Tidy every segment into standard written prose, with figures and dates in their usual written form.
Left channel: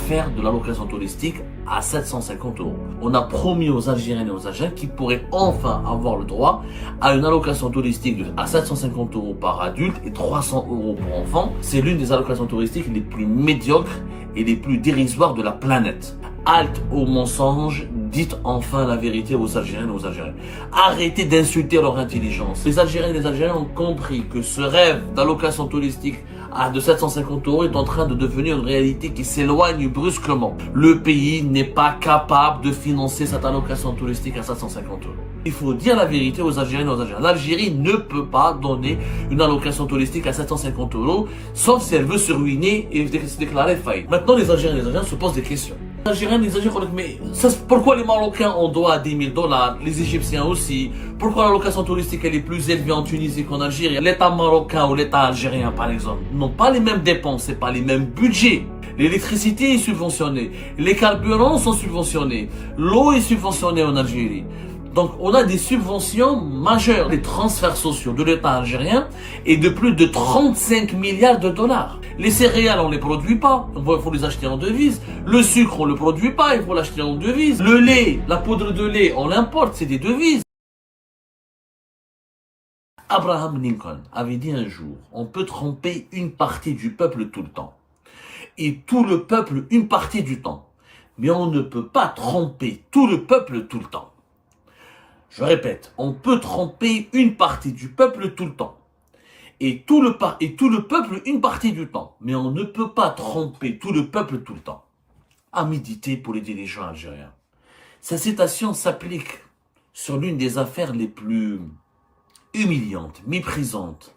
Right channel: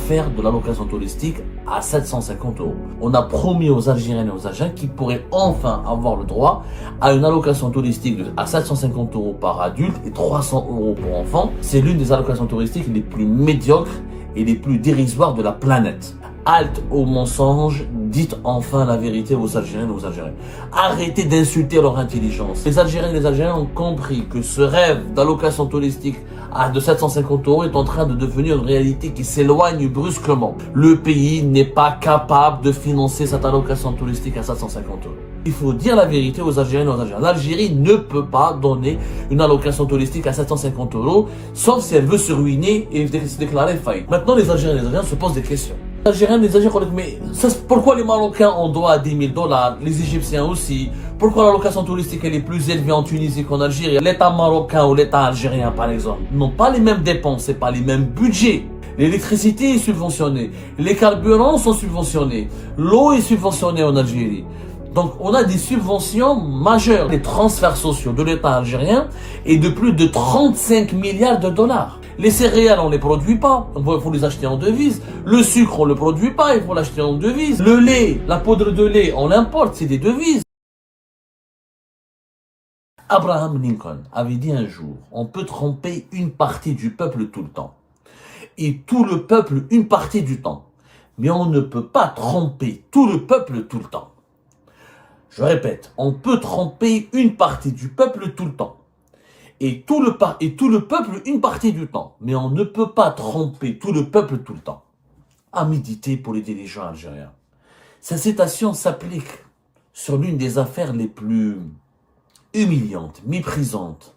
l'affaire de l'allocation touristique à 750 euros. On a promis aux Algériennes et aux Algériens qu'ils pourraient enfin avoir le droit à une allocation touristique à 750 euros par adulte et 300 euros pour enfants. C'est l'une des allocations touristiques les plus médiocres et les plus dérisoires de la planète. Halte aux mensonges, dites enfin la vérité aux Algériennes et aux Algériens. Arrêtez d'insulter leur intelligence. Les Algériennes et les Algériens ont compris que ce rêve d'allocation touristique de 750 euros est en train de devenir une réalité qui s'éloigne brusquement. Le pays n'est pas capable de financer cette allocation touristique à 750 euros. Il faut dire la vérité aux Algériennes et aux Algériens. L'Algérie ne peut pas donner une allocation touristique à 750 euros, sauf si elle veut se ruiner et se déclarer faillite. Maintenant, les Algériennes et les Algériens se posent des questions. Les Algériens et les Algériens, mais pourquoi les Marocains ont droit à 10 000 $, les Égyptiens aussi? Pourquoi l'allocation touristique elle est plus élevée en Tunisie qu'en Algérie? L'État marocain ou l'État algérien, par exemple, n'ont pas les mêmes dépenses, c'est pas les mêmes budgets. L'électricité est subventionnée, les carburants sont subventionnés, l'eau est subventionnée en Algérie. Donc, on a des subventions majeures, des transferts sociaux de l'État algérien et de plus de 35 milliards de dollars. Les céréales, on ne les produit pas, il faut les acheter en devises. Le sucre, on ne le produit pas, il faut l'acheter en devises. Le lait, la poudre de lait, on l'importe, c'est des devises. Abraham Lincoln avait dit un jour, on peut tromper une partie du peuple tout le temps. Et tout le peuple une partie du temps. Mais on ne peut pas tromper tout le peuple tout le temps. Je répète, on peut tromper une partie du peuple tout le temps. Et tout le peuple une partie du temps. Mais on ne peut pas tromper tout le peuple tout le temps. À méditer pour les dirigeants algériens. Sa citation s'applique sur l'une des affaires les plus humiliantes, méprisantes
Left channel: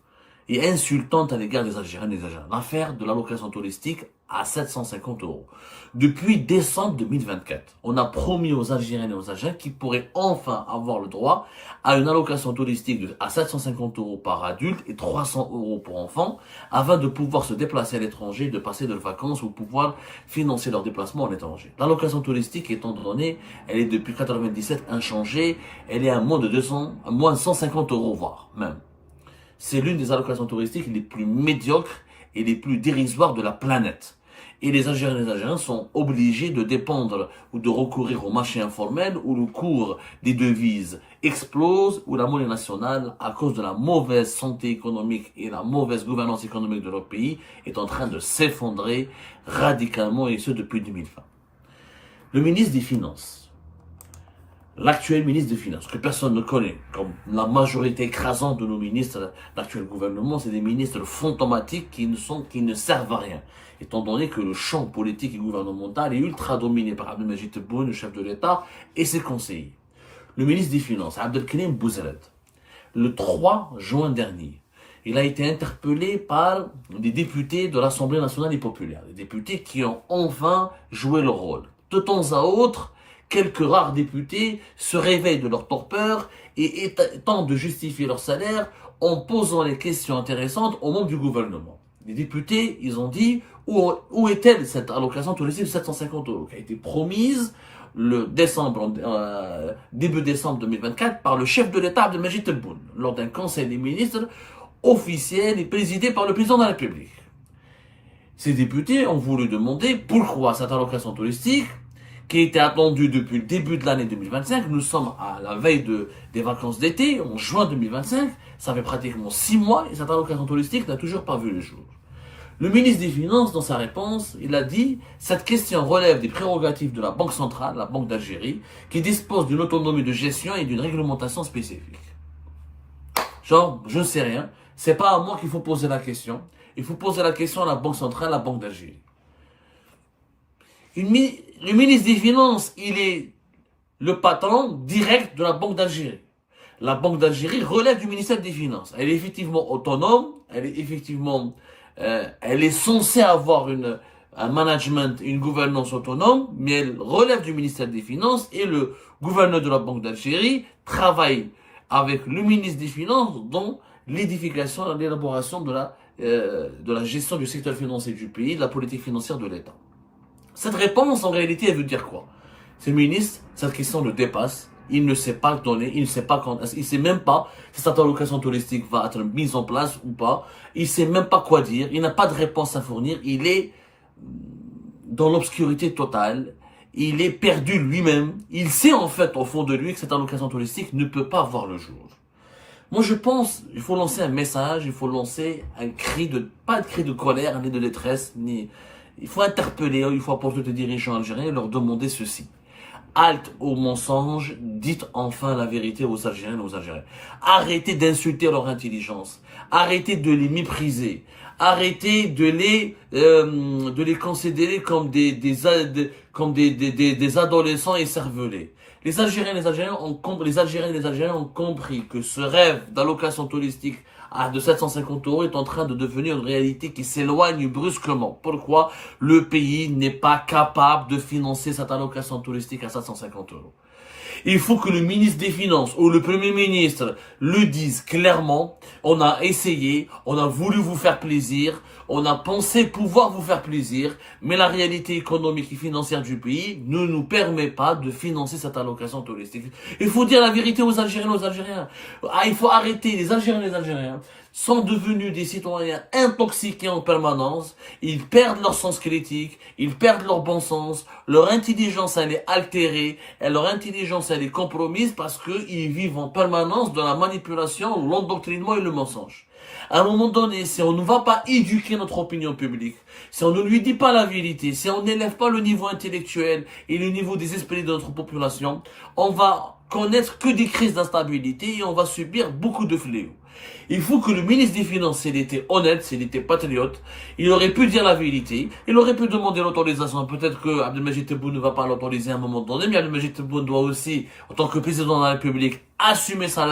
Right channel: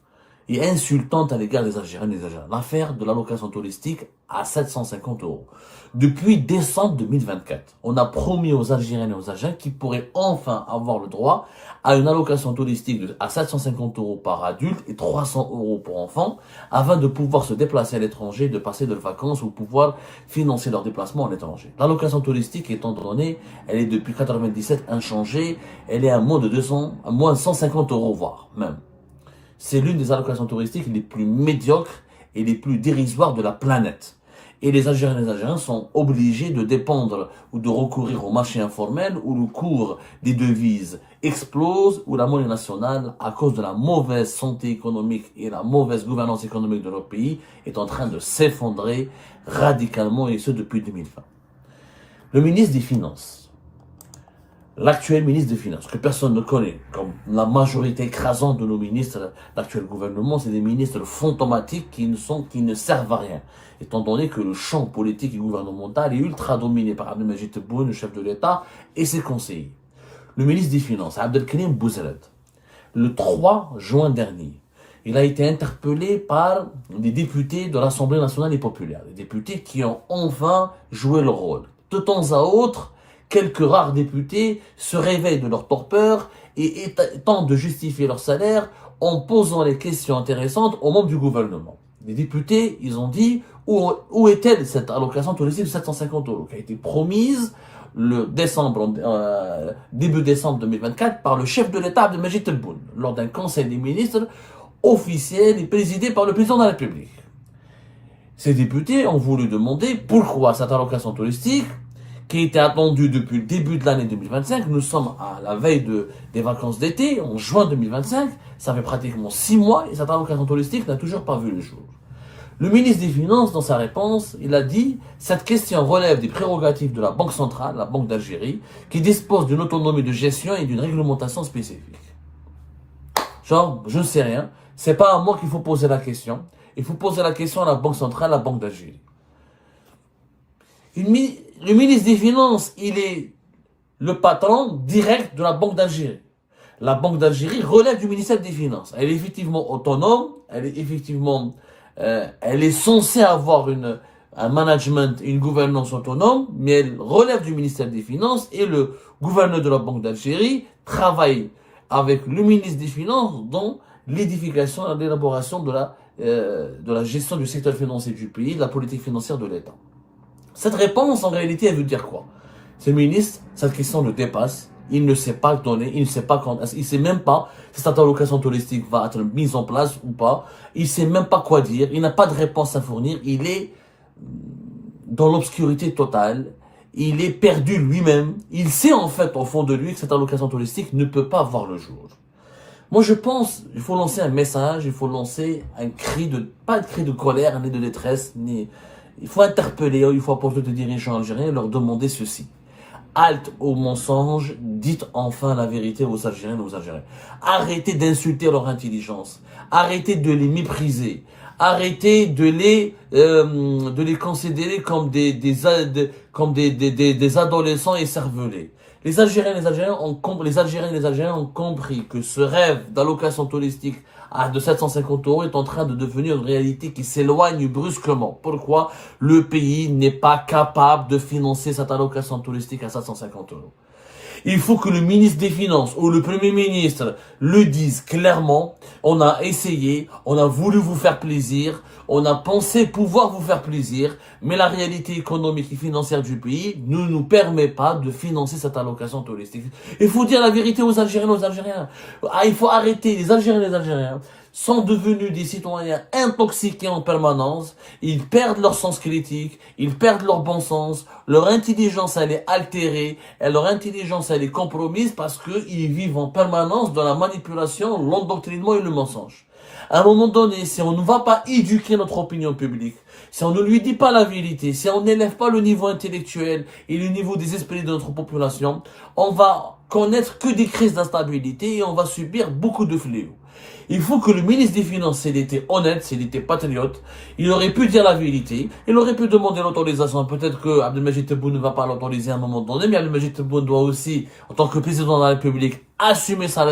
et insultantes à l'égard des Algériens et des Algériens. L'affaire de l'allocation touristique à 750 euros. Depuis décembre 2024, on a promis aux Algériennes et aux Algériens qu'ils pourraient enfin avoir le droit à une allocation touristique à 750 euros par adulte et 300 euros pour enfants afin de pouvoir se déplacer à l'étranger, de passer de vacances ou pouvoir financer leur déplacement à l'étranger. L'allocation touristique étant donnée, elle est depuis 1997 inchangée, elle est à moins de 150 euros voire même. C'est l'une des allocations touristiques les plus médiocres et les plus dérisoires de la planète. Et les Algériens et les Algériens sont obligés de dépendre ou de recourir au marché informel où le cours des devises explose, où la monnaie nationale, à cause de la mauvaise santé économique et la mauvaise gouvernance économique de notre pays, est en train de s'effondrer radicalement et ce depuis 2020. Le ministre des Finances, l'actuel ministre des Finances, que personne ne connaît, comme la majorité écrasante de nos ministres de l'actuel gouvernement, c'est des ministres fantomatiques qui ne servent à rien, étant donné que le champ politique et gouvernemental est ultra dominé par Abdelmajid Tebboune, le chef de l'État, et ses conseillers. Le ministre des Finances, Abdelkarim Bouzrad, le 3 juin dernier, il a été interpellé par des députés de l'Assemblée nationale et populaire, des députés qui ont enfin joué leur rôle. De temps à autre, quelques rares députés se réveillent de leur torpeur et tentent de justifier leur salaire en posant les questions intéressantes aux membres du gouvernement. Les députés, ils ont dit où est-elle cette allocation touristique de 750 euros qui a été promise début décembre 2024 par le chef de l'État Abdelmajid Tebboune lors d'un conseil des ministres officiel et présidé par le président de la République. Ces députés ont voulu demander pourquoi cette allocation touristique qui était attendue depuis le début de l'année 2025, nous sommes à la veille des vacances d'été, en juin 2025, ça fait pratiquement 6 mois et cette allocation touristique n'a toujours pas vu le jour. Le ministre des Finances, dans sa réponse, il a dit « Cette question relève des prérogatives de la Banque centrale, la Banque d'Algérie, qui dispose d'une autonomie de gestion et d'une réglementation spécifique. » Genre, je ne sais rien, c'est pas à moi qu'il faut poser la question, il faut poser la question à la Banque centrale, la Banque d'Algérie. Le ministre des Finances, il est le patron direct de la Banque d'Algérie. La Banque d'Algérie relève du ministère des Finances. Elle est effectivement autonome, elle est censée avoir un management, une gouvernance autonome, mais elle relève du ministère des Finances et le gouverneur de la Banque d'Algérie travaille avec le ministre des Finances dans l'édification et l'élaboration de la gestion du secteur financier du pays, de la politique financière de l'État. Cette réponse, en réalité, elle veut dire quoi? Ce ministre, cette question le dépasse. Il ne sait pas donner, il ne sait pas quand, il sait même pas si cette allocation touristique va être mise en place ou pas. Il sait même pas quoi dire. Il n'a pas de réponse à fournir. Il est dans l'obscurité totale. Il est perdu lui-même. Il sait en fait au fond de lui que cette allocation touristique ne peut pas voir le jour. Moi je pense, il faut lancer un message, il faut lancer un cri de, pas un cri de colère, ni de détresse, ni, il faut interpeller, il faut apporter des dirigeants algériens et leur demander ceci. Halte aux mensonges, dites enfin la vérité aux Algériens et aux Algériens. Arrêtez d'insulter leur intelligence. Arrêtez de les mépriser. Arrêtez de les considérer comme des adolescents écervelés. Les Algériens et les Algériens ont compris que ce rêve d'allocation touristique de 750 € est en train de devenir une réalité qui s'éloigne brusquement. Pourquoi? Le pays n'est pas capable de financer cette allocation touristique à 750 €. Il faut que le ministre des Finances ou le Premier ministre le dise clairement. On a essayé, on a voulu vous faire plaisir, on a pensé pouvoir vous faire plaisir, mais la réalité économique et financière du pays ne nous permet pas de financer cette allocation touristique. Il faut dire la vérité aux Algériens et aux Algériens. Il faut arrêter. Les Algériens et les Algériens sont devenus des citoyens intoxiqués en permanence. Ils perdent leur sens critique, ils perdent leur bon sens, leur intelligence elle est altérée, et leur intelligence elle est compromise parce qu'ils vivent en permanence dans la manipulation, l'endoctrinement et le mensonge. À un moment donné, si on ne va pas éduquer notre opinion publique, si on ne lui dit pas la vérité, si on n'élève pas le niveau intellectuel et le niveau des esprits de notre population, on va connaître que des crises d'instabilité et on va subir beaucoup de fléaux. Il faut que le ministre des Finances, s'il était honnête, s'il était patriote, il aurait pu dire la vérité, il aurait pu demander l'autorisation. Peut-être que Abdelmajid Tebboune ne va pas l'autoriser à un moment donné, mais Abdelmajid Tebboune doit aussi, en tant que président de la République, assumer sa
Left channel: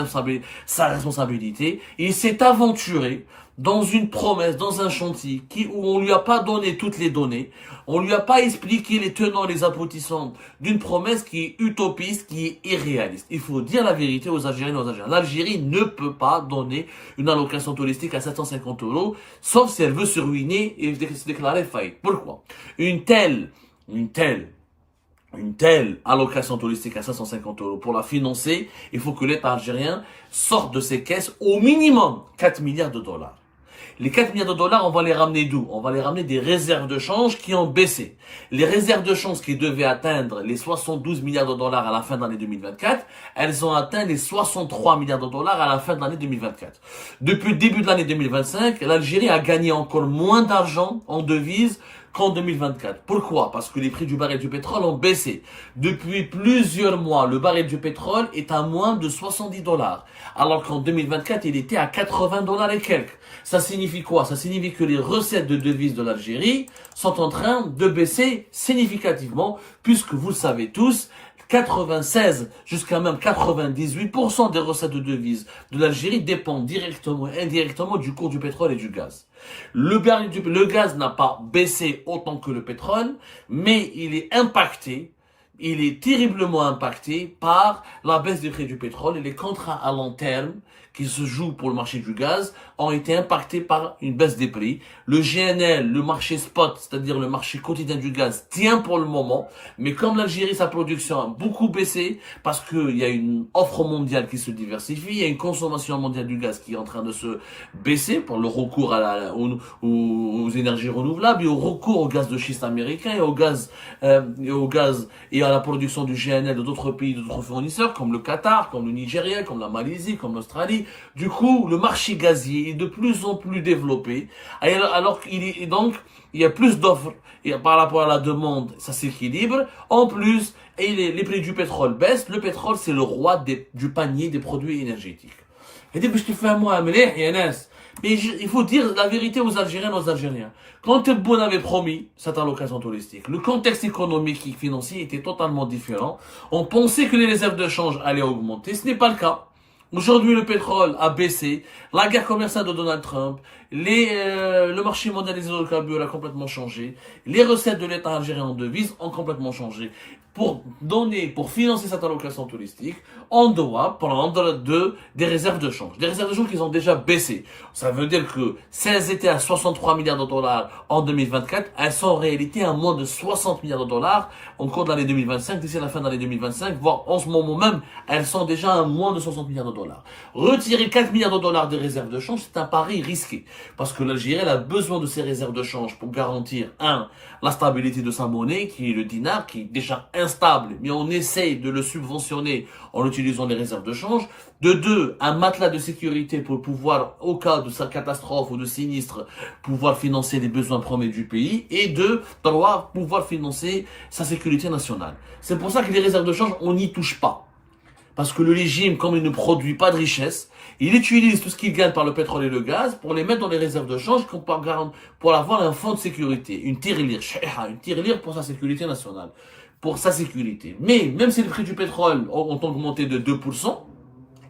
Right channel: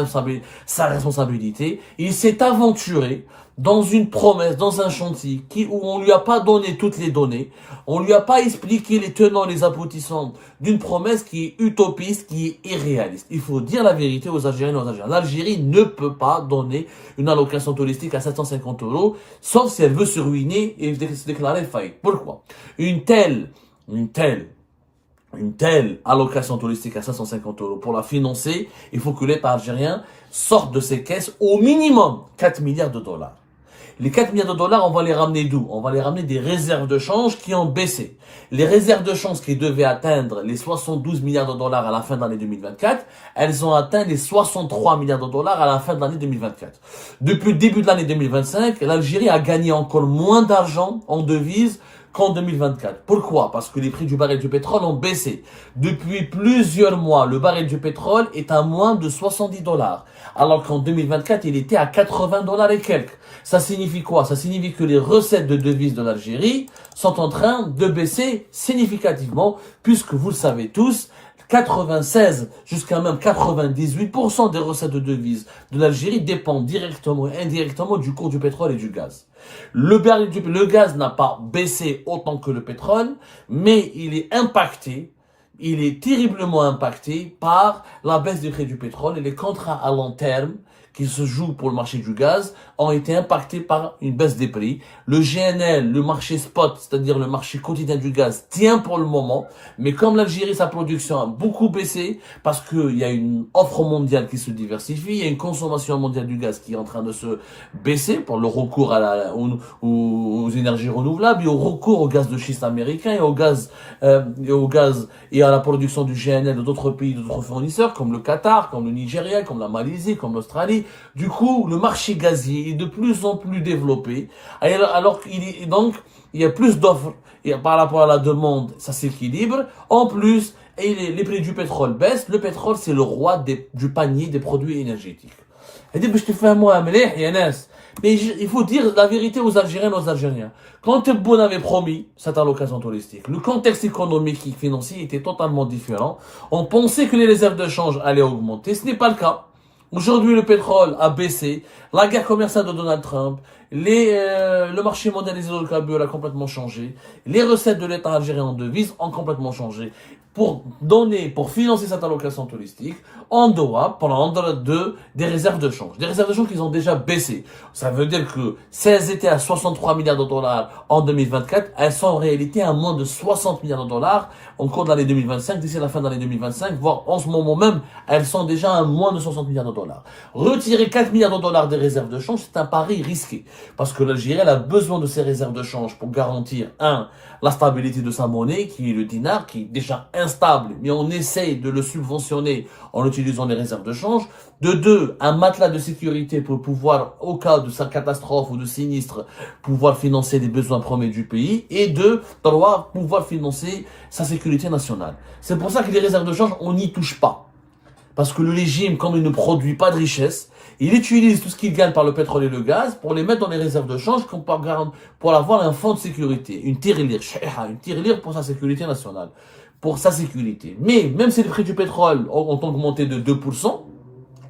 responsabilité. Il s'est aventuré dans une promesse, dans un chantier où on lui a pas donné toutes les données, on lui a pas expliqué les tenants, les aboutissants d'une promesse qui est utopiste, qui est irréaliste. Il faut dire la vérité aux Algériens et aux Algériens. L'Algérie ne peut pas donner une allocation touristique à 750 €, sauf si elle veut se ruiner et se déclarer faillite. Pourquoi? Une telle allocation touristique à 550 € pour la financer, il faut que l'État algérien sorte de ses caisses au minimum 4 milliards de dollars. Les 4 milliards de dollars, on va les ramener d'où? On va les ramener des réserves de change qui ont baissé. Les réserves de change qui devaient atteindre les 72 milliards de dollars à la fin de l'année 2024, elles ont atteint les 63 milliards de dollars à la fin de l'année 2024. Depuis le début de l'année 2025, l'Algérie a gagné encore moins d'argent en devises qu'en 2024. Pourquoi? Parce que les prix du baril du pétrole ont baissé. Depuis plusieurs mois, le baril du pétrole est à moins de 70 $, alors qu'en 2024, il était à 80 $ et quelques. Ça signifie quoi? Ça signifie que les recettes de devises de l'Algérie sont en train de baisser significativement, puisque vous le savez tous, 96 jusqu'à même 98% des recettes de devises de l'Algérie dépendent directement et indirectement du cours du pétrole et du gaz. Le gaz n'a pas baissé autant que le pétrole, mais il est terriblement impacté par la baisse des prix du pétrole et les contrats à long terme qui se jouent pour le marché du gaz ont été impactés par une baisse des prix. Le GNL, le marché spot, c'est-à-dire le marché quotidien du gaz, tient pour le moment, mais comme l'Algérie, sa production a beaucoup baissé, parce qu'il y a une offre mondiale qui se diversifie, il y a une consommation mondiale du gaz qui est en train de se baisser pour le recours aux énergies renouvelables et au recours au gaz de schiste américain et à la production du GNL de d'autres pays, d'autres fournisseurs, comme le Qatar, comme le Nigeria, comme la Malaisie, comme l'Australie. Du coup, le marché gazier est de plus en plus développé. Alors il y a plus d'offres par rapport à la demande, ça s'équilibre. En plus, les prix du pétrole baissent. Le pétrole, c'est le roi du panier des produits énergétiques. Mais il faut dire la vérité aux Algériens et aux Algériens. Quand Tebboune avait promis cette allocation touristique, le contexte économique et financier était totalement différent. On pensait que les réserves de change allaient augmenter. Ce n'est pas le cas. Aujourd'hui, le pétrole a baissé. La guerre commerciale de Donald Trump, le marché mondial des hydrocarbures a complètement changé. Les recettes de l'État algérien en devises ont complètement changé. Pour financer cette allocation touristique, on doit prendre des réserves de change. Des réserves de change qui ont déjà baissé. Ça veut dire que si elles étaient à 63 milliards de dollars en 2024, elles sont en réalité à moins de 60 milliards de dollars en cours de l'année 2025, d'ici la fin de l'année 2025, voire en ce moment même, elles sont déjà à moins de 60 milliards de dollars. Retirer 4 milliards de dollars des réserves de change, c'est un pari risqué. Parce que l'Algérie, elle a besoin de ces réserves de change pour garantir, la stabilité de sa monnaie, qui est le dinar, qui est déjà instable, mais on essaye de le subventionner en utilisant les réserves de change. De deux, un matelas de sécurité pour pouvoir, au cas de sa catastrophe ou de sinistre, pouvoir financer les besoins premiers du pays. Et deux, trois, pouvoir financer sa sécurité nationale. C'est pour ça que les réserves de change, on n'y touche pas. Parce que le régime, comme il ne produit pas de richesse, il utilise tout ce qu'il gagne par le pétrole et le gaz pour les mettre dans les réserves de change pour avoir un fonds de sécurité, une tirelire pour sa sécurité nationale, pour sa sécurité. Mais même si les prix du pétrole ont augmenté de 2%,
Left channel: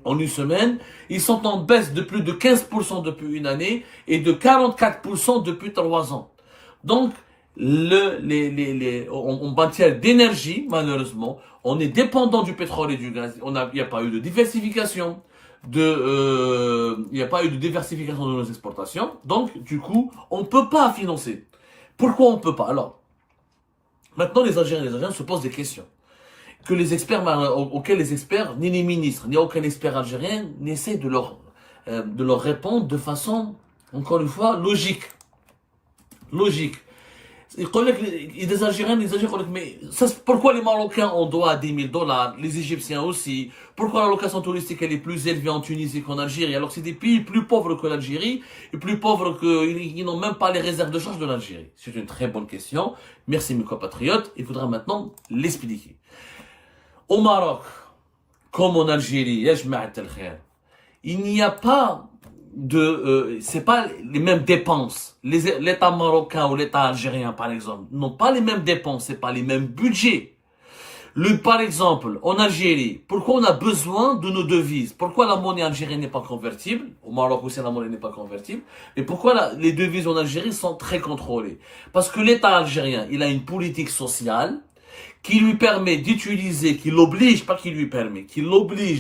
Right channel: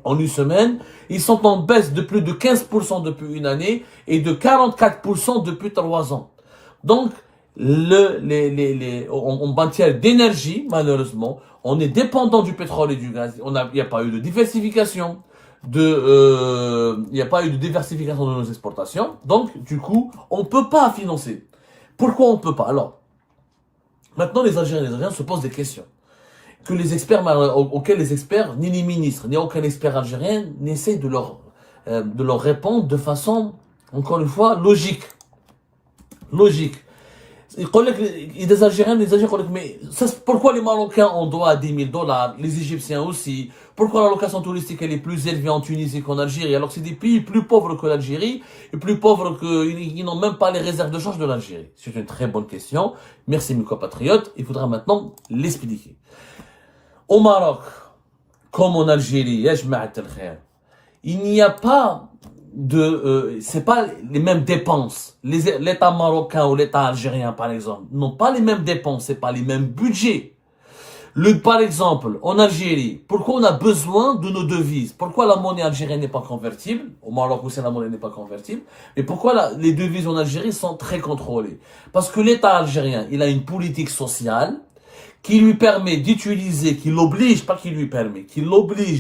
en une semaine, ils sont en baisse de plus de 15% depuis une année et de 44% depuis 3 ans. Donc, en matière d'énergie, malheureusement, on est dépendant du pétrole et du gaz. Il n'y a pas eu de diversification il n'y a pas eu de diversification de nos exportations. Donc, du coup, on ne peut pas financer. Pourquoi on ne peut pas? Alors, maintenant, les Algériens se posent des questions que les experts, auxquels les experts, ni les ministres, ni aucun expert algérien n'essaie de leur répondre de façon, encore une fois, logique. Des Algériens, mais pourquoi les Marocains on doit à 10 000 $, les Égyptiens aussi? Pourquoi la location touristique elle est plus élevée en Tunisie qu'en Algérie? Alors que c'est des pays plus pauvres que l'Algérie et plus pauvres qu'ils n'ont même pas les réserves de change de l'Algérie. C'est une très bonne question. Merci mes compatriotes. Il faudra maintenant l'expliquer. Au Maroc, comme en Algérie, il n'y a pas c'est pas les mêmes dépenses. L'État marocain ou l'État algérien, par exemple, n'ont pas les mêmes dépenses, c'est pas les mêmes budgets. Par exemple, en Algérie, pourquoi on a besoin de nos devises? Pourquoi la monnaie algérienne n'est pas convertible? Au Maroc aussi, la monnaie n'est pas convertible. Mais pourquoi les devises en Algérie sont très contrôlées? Parce que l'État algérien, il a une politique sociale qui lui permet d'utiliser, qui l'oblige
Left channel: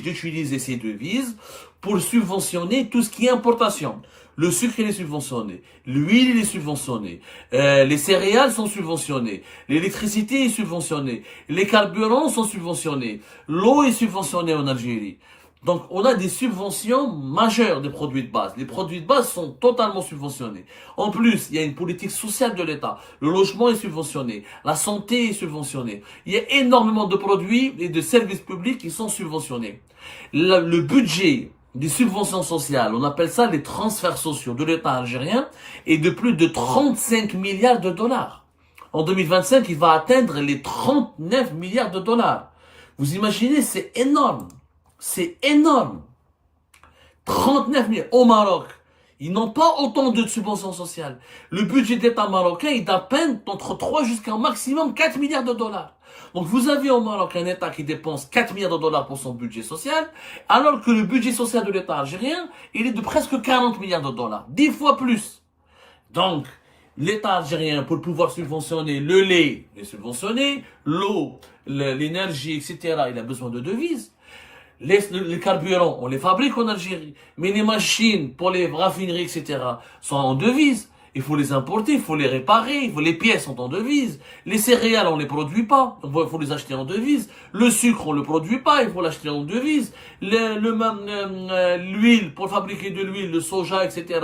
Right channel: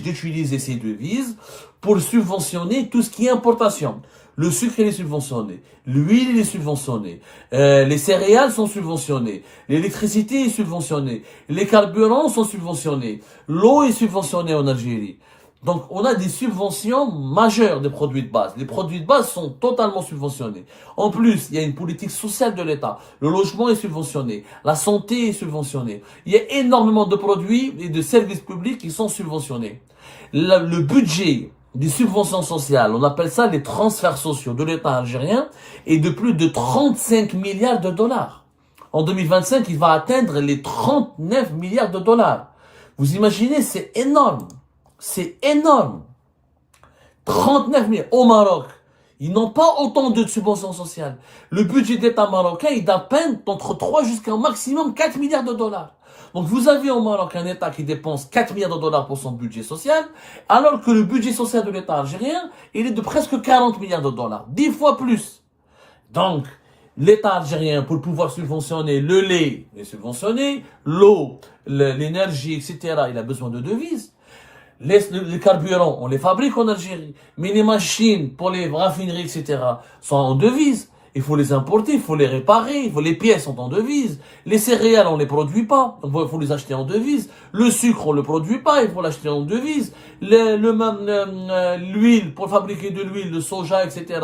d'utiliser ces devises pour subventionner tout ce qui est importation. Le sucre, il est subventionné. L'huile, il est subventionné. Les céréales sont subventionnées. L'électricité est subventionnée. Les carburants sont subventionnés. L'eau est subventionnée en Algérie. Donc, on a des subventions majeures des produits de base. Les produits de base sont totalement subventionnés. En plus, il y a une politique sociale de l'État. Le logement est subventionné. La santé est subventionnée. Il y a énormément de produits et de services publics qui sont subventionnés. Le budget des subventions sociales, on appelle ça les transferts sociaux de l'État algérien, est de plus de 35 milliards de dollars. En 2025, il va atteindre les 39 milliards de dollars. Vous imaginez, c'est énorme. C'est énorme. 39 milliards. Au Maroc, ils n'ont pas autant de subventions sociales. Le budget d'État marocain est d'à peine entre 3 jusqu'à un maximum 4 milliards de dollars. Donc vous avez au Maroc un État qui dépense 4 milliards de dollars pour son budget social, alors que le budget social de l'État algérien, il est de presque 40 milliards de dollars. 10 fois plus. Donc, l'État algérien, pour pouvoir subventionner le lait, il est subventionné, l'eau, l'énergie, etc., il a besoin de devises. Les carburants, on les fabrique en Algérie. Mais les machines pour les raffineries, etc., sont en devises. Il faut les importer, il faut les réparer, les pièces sont en devises. Les céréales, on les produit pas, il faut les acheter en devises. Le sucre, on le produit pas, il faut l'acheter en devises. L'huile, pour fabriquer de l'huile, le soja, etc.,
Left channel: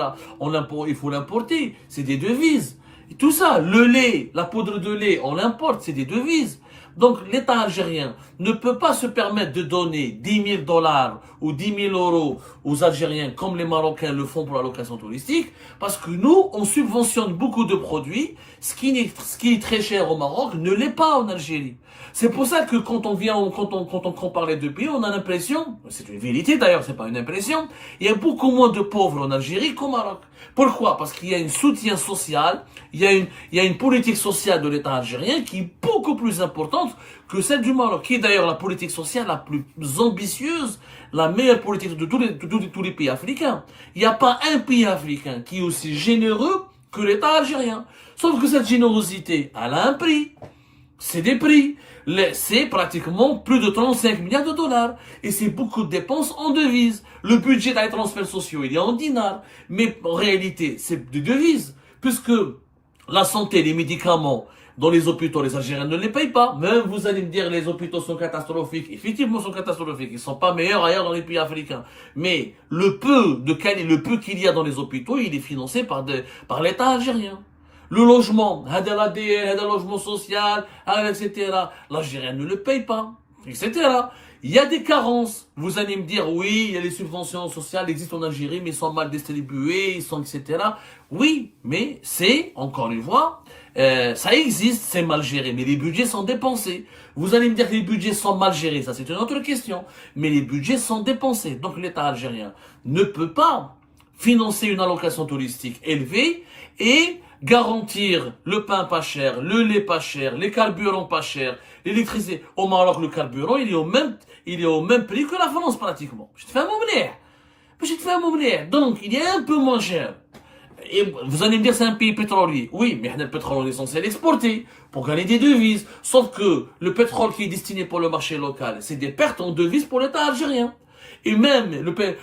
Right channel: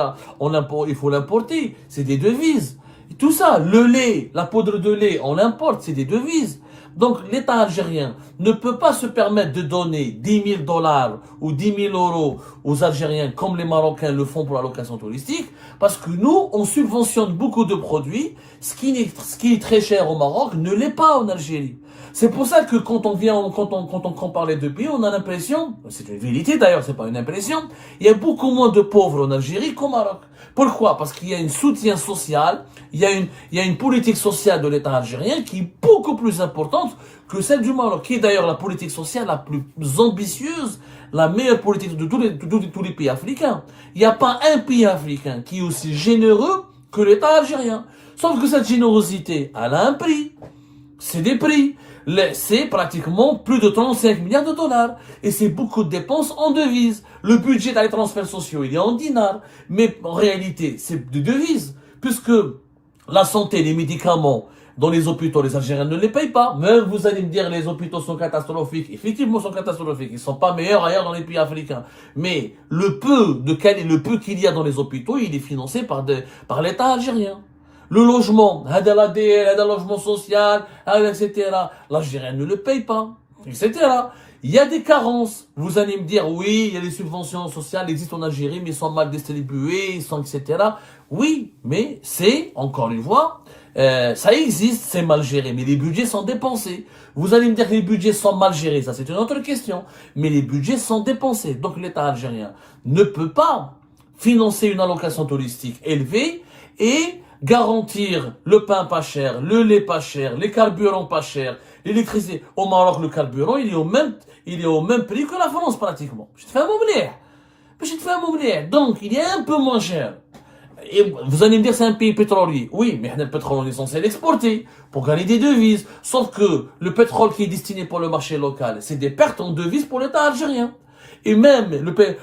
il faut l'importer, c'est des devises. Et tout ça, le lait, la poudre de lait, on l'importe, c'est des devises. Donc, l'État algérien ne peut pas se permettre de donner 10 000 $ ou 10 000 € aux Algériens comme les Marocains le font pour la location touristique, parce que nous, on subventionne beaucoup de produits, ce qui est très cher au Maroc ne l'est pas en Algérie. C'est pour ça que quand on compare les deux pays, on a l'impression, c'est une vérité d'ailleurs, c'est pas une impression, il y a beaucoup moins de pauvres en Algérie qu'au Maroc. Pourquoi? Parce qu'il y a un soutien social, il y a une politique sociale de l'État algérien qui est beaucoup plus importante que celle du Maroc, qui est d'ailleurs la politique sociale la plus ambitieuse, la meilleure politique de tous les pays africains. Il n'y a pas un pays africain qui est aussi généreux que l'État algérien. Sauf que cette générosité, elle a un prix. C'est des prix. C'est pratiquement plus de 35 milliards de dollars. Et c'est beaucoup de dépenses en devises. Le budget des transferts sociaux, il est en dinars. Mais en réalité, c'est des devises. Puisque la santé, les médicaments, Dans les hôpitaux, les Algériens ne les payent pas. Même vous allez me dire, les hôpitaux sont catastrophiques. Effectivement, ils sont catastrophiques. Ils sont pas meilleurs ailleurs dans les pays africains. Mais le peu qu'il y a dans les hôpitaux, il est financé par l'État algérien. Le logement, le logement social, etc. L'Algérien ne le paye pas, etc. Il y a des carences. Vous allez me dire, oui, il y a les subventions sociales existent en Algérie, mais ils sont mal distribuées, ils sont, etc. Oui, mais c'est, encore une fois, ça existe, c'est mal géré, mais les budgets sont dépensés. Vous allez me dire que les budgets sont mal gérés, ça c'est une autre question. Mais les budgets sont dépensés. Donc l'État algérien ne peut pas financer une allocation touristique élevée et garantir le pain pas cher, le lait pas cher, les carburants pas chers, l'électricité. Au Maroc, le carburant, il est au même prix que la France pratiquement. Je te fais un mot. Donc, il est un peu moins cher. Et vous allez me dire c'est un pays pétrolier. Oui, mais le pétrole on est censé l'exporter pour gagner des devises. Sauf que le pétrole qui est destiné pour le marché local, c'est des pertes en devises pour l'État algérien. Et même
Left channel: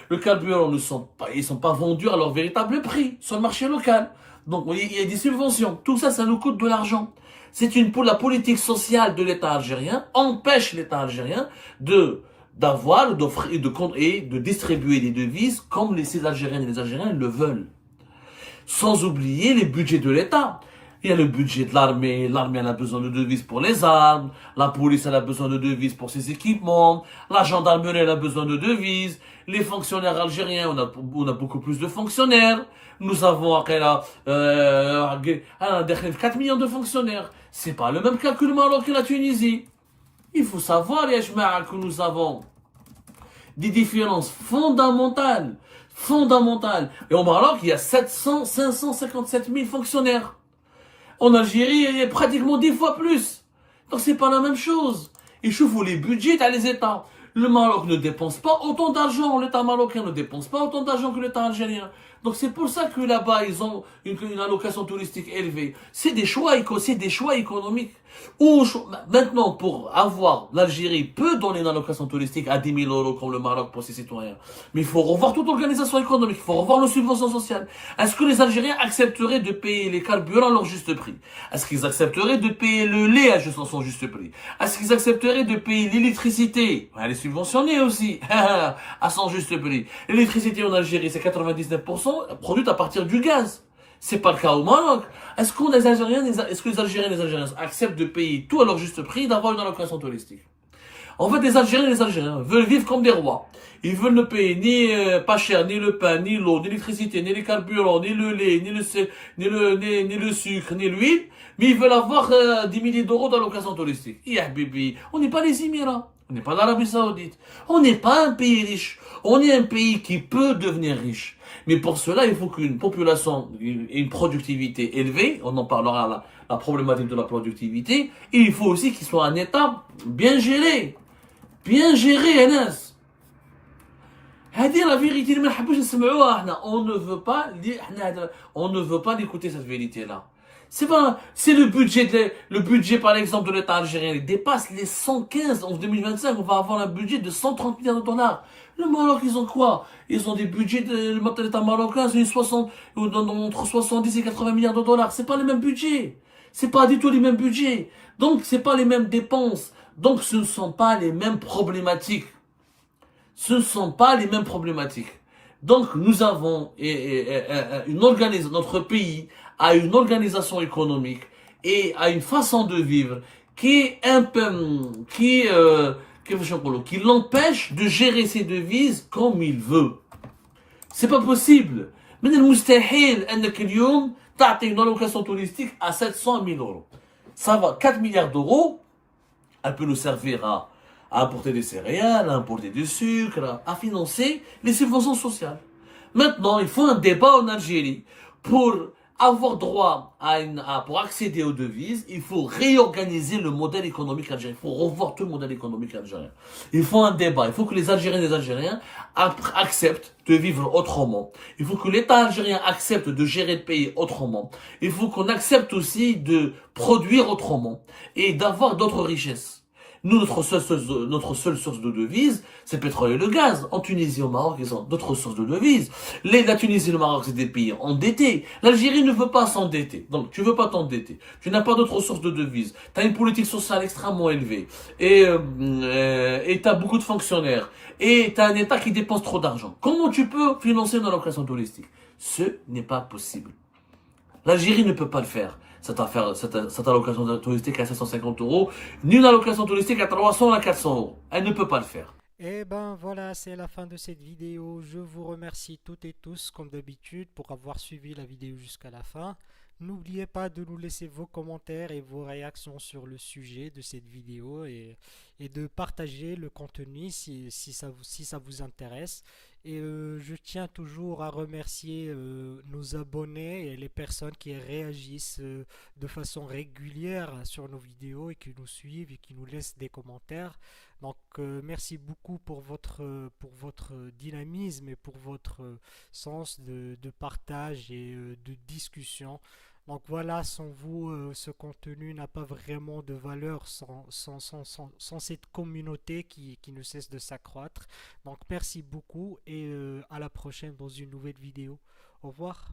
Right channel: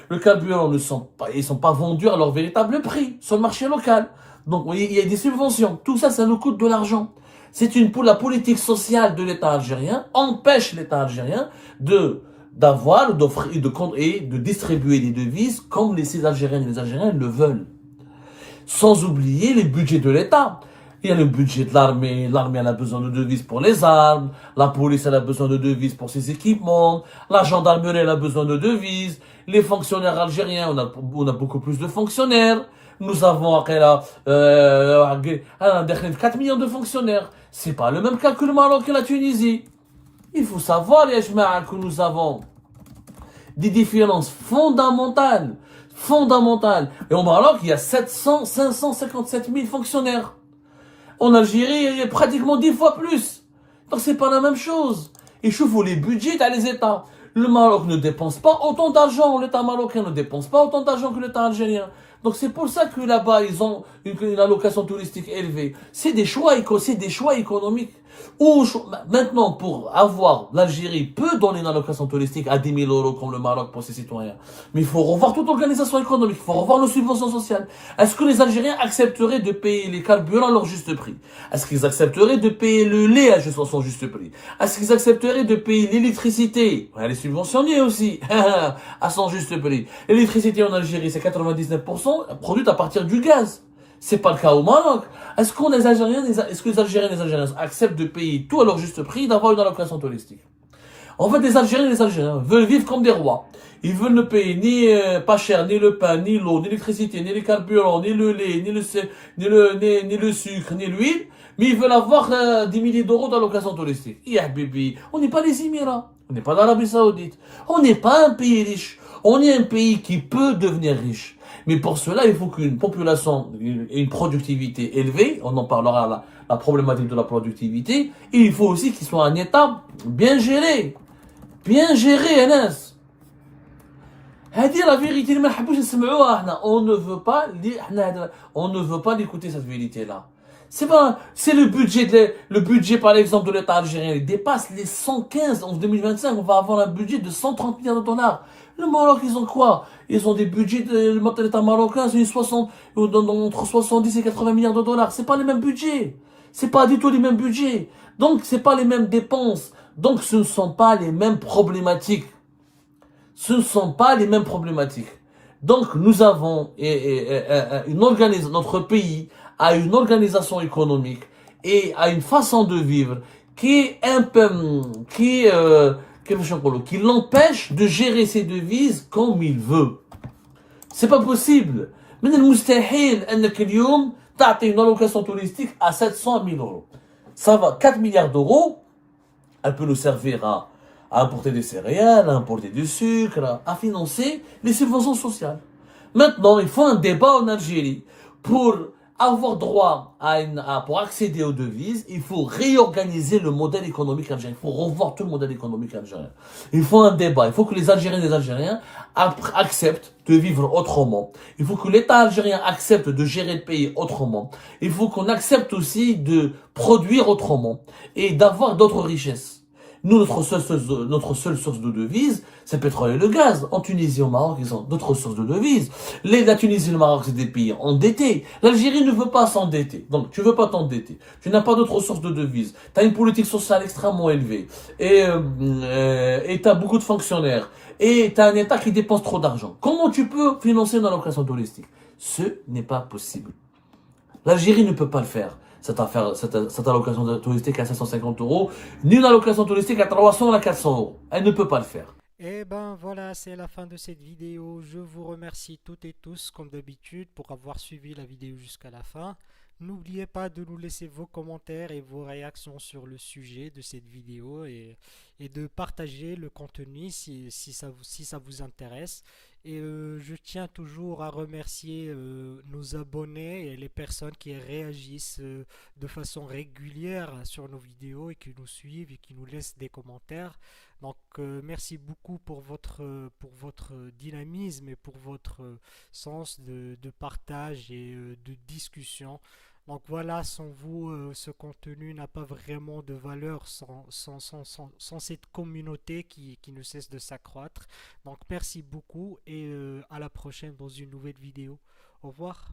le carburant ils sont pas vendus à leur véritable prix sur le marché local. Donc il y a des subventions. Tout ça, ça nous coûte de l'argent. La politique sociale de l'État algérien empêche l'État algérien d'offrir et de distribuer des devises comme ces Algériennes et les Algériens le veulent. Sans oublier les budgets de l'État. Il y a le budget de l'armée. L'armée, elle a besoin de devises pour les armes. La police, elle a besoin de devises pour ses équipements. La gendarmerie, elle a besoin de devises. Les fonctionnaires algériens, on a beaucoup plus de fonctionnaires. Nous avons 4 millions de fonctionnaires. C'est pas le même calcul Maroc que la Tunisie. Il faut savoir, les Jma'a, que nous avons des différences fondamentales. Et au Maroc, il y a 557 000 fonctionnaires. En Algérie, il y a pratiquement 10 fois plus. Donc c'est pas la même chose. Et je vois les budgets dans les États. Le Maroc ne dépense pas autant d'argent. L'État marocain ne dépense pas autant d'argent que l'État algérien. Donc c'est pour ça que là-bas, ils ont une allocation touristique élevée. C'est des choix économiques. Maintenant, pour l'Algérie peut donner une allocation touristique à 10 000 euros comme le Maroc pour ses citoyens. Mais il faut revoir toute l'organisation économique, il faut revoir nos subventions sociales. Est-ce que les Algériens accepteraient de payer les carburants à leur juste prix? Est-ce qu'ils accepteraient de payer le lait à son juste prix? Est-ce qu'ils accepteraient de payer l'électricité? Elle est subventionnée aussi, à son juste prix. L'électricité en Algérie, c'est 99% produite à partir du gaz. C'est pas le cas au Maroc. Est-ce que les Algériens et les Algériens acceptent de payer tout à leur juste prix et d'avoir une allocation touristique? En fait, les Algériens et les Algériens veulent vivre comme des rois. Ils veulent ne payer ni pas cher, ni le pain, ni l'eau, ni l'électricité, ni les carburants, ni le lait, ni le sucre, ni l'huile. Mais ils veulent avoir 10 milliers d'euros d'allocation touristique. Bibi, on n'est pas les Émirats. On n'est pas l'Arabie Saoudite. On n'est pas un pays riche. On est un pays qui peut devenir riche. Mais pour cela, il faut qu'une population ait une productivité élevée. On en parlera la problématique de la productivité. Et il faut aussi qu'il soit un État bien géré. Bien géré, Anas. C'est la vérité. On ne veut pas d'écouter cette vérité-là. C'est le budget par exemple de l'État algérien. Il dépasse les 115 en 2025. On va avoir un budget de 130 milliards de dollars. Le Maroc, ils ont quoi? Ils ont des budgets de l'État marocain, c'est entre 70 et 80 milliards de dollars. C'est pas les mêmes budgets. C'est pas du tout les mêmes budgets. Donc, c'est pas les mêmes dépenses. Donc, ce ne sont pas les mêmes problématiques. Donc, nous avons notre pays a une organisation économique et a une façon de vivre qui est un peu, qui l'empêche de gérer ses devises comme il veut. C'est pas possible. من المستحيل انك اليوم تعطي une allocation touristique à 700 000 euros. Ça va 4 milliards d'euros. Elle peut nous servir à importer des céréales, à importer du sucre, à financer les subventions sociales. Maintenant, il faut un débat en Algérie pour avoir droit pour accéder aux devises. Il faut réorganiser le modèle économique algérien. Il faut revoir tout le modèle économique algérien. Il faut un débat. Il faut que les Algériens et les Algériens acceptent de vivre autrement. Il faut que l'État algérien accepte de gérer le pays autrement. Il faut qu'on accepte aussi de produire autrement et d'avoir d'autres richesses. Nous, notre seule source de devise, c'est le pétrole et le gaz. En Tunisie, au Maroc, ils ont d'autres sources de devises. La Tunisie et le Maroc, c'est des pays endettés. L'Algérie ne veut pas s'endetter. Donc, tu veux pas t'endetter. Tu n'as pas d'autres sources de devises. Tu as une politique sociale extrêmement élevée. Et tu as beaucoup de fonctionnaires. Et tu as un État qui dépense trop d'argent. Comment tu peux financer une allocation touristique? Ce n'est pas possible. L'Algérie ne peut pas le faire. Cette allocation touristique à 550 euros, ni une allocation touristique à 300 ou à 400 euros. Elle ne peut pas le faire. Et ben voilà, c'est la fin de cette vidéo. Je vous remercie toutes et tous, comme d'habitude, pour avoir suivi la vidéo jusqu'à la fin. N'oubliez pas de nous laisser vos commentaires et vos réactions sur le sujet de cette vidéo et de partager le contenu si ça vous intéresse. Et je tiens toujours à remercier nos abonnés et les personnes qui réagissent de façon régulière sur nos vidéos et qui nous suivent et qui nous laissent des commentaires. Donc merci beaucoup pour votre dynamisme et pour votre sens de partage et de discussion. Donc voilà, sans vous, ce contenu n'a pas vraiment de valeur sans cette communauté qui ne cesse de s'accroître. Donc merci beaucoup et à la prochaine dans une nouvelle vidéo. Au revoir.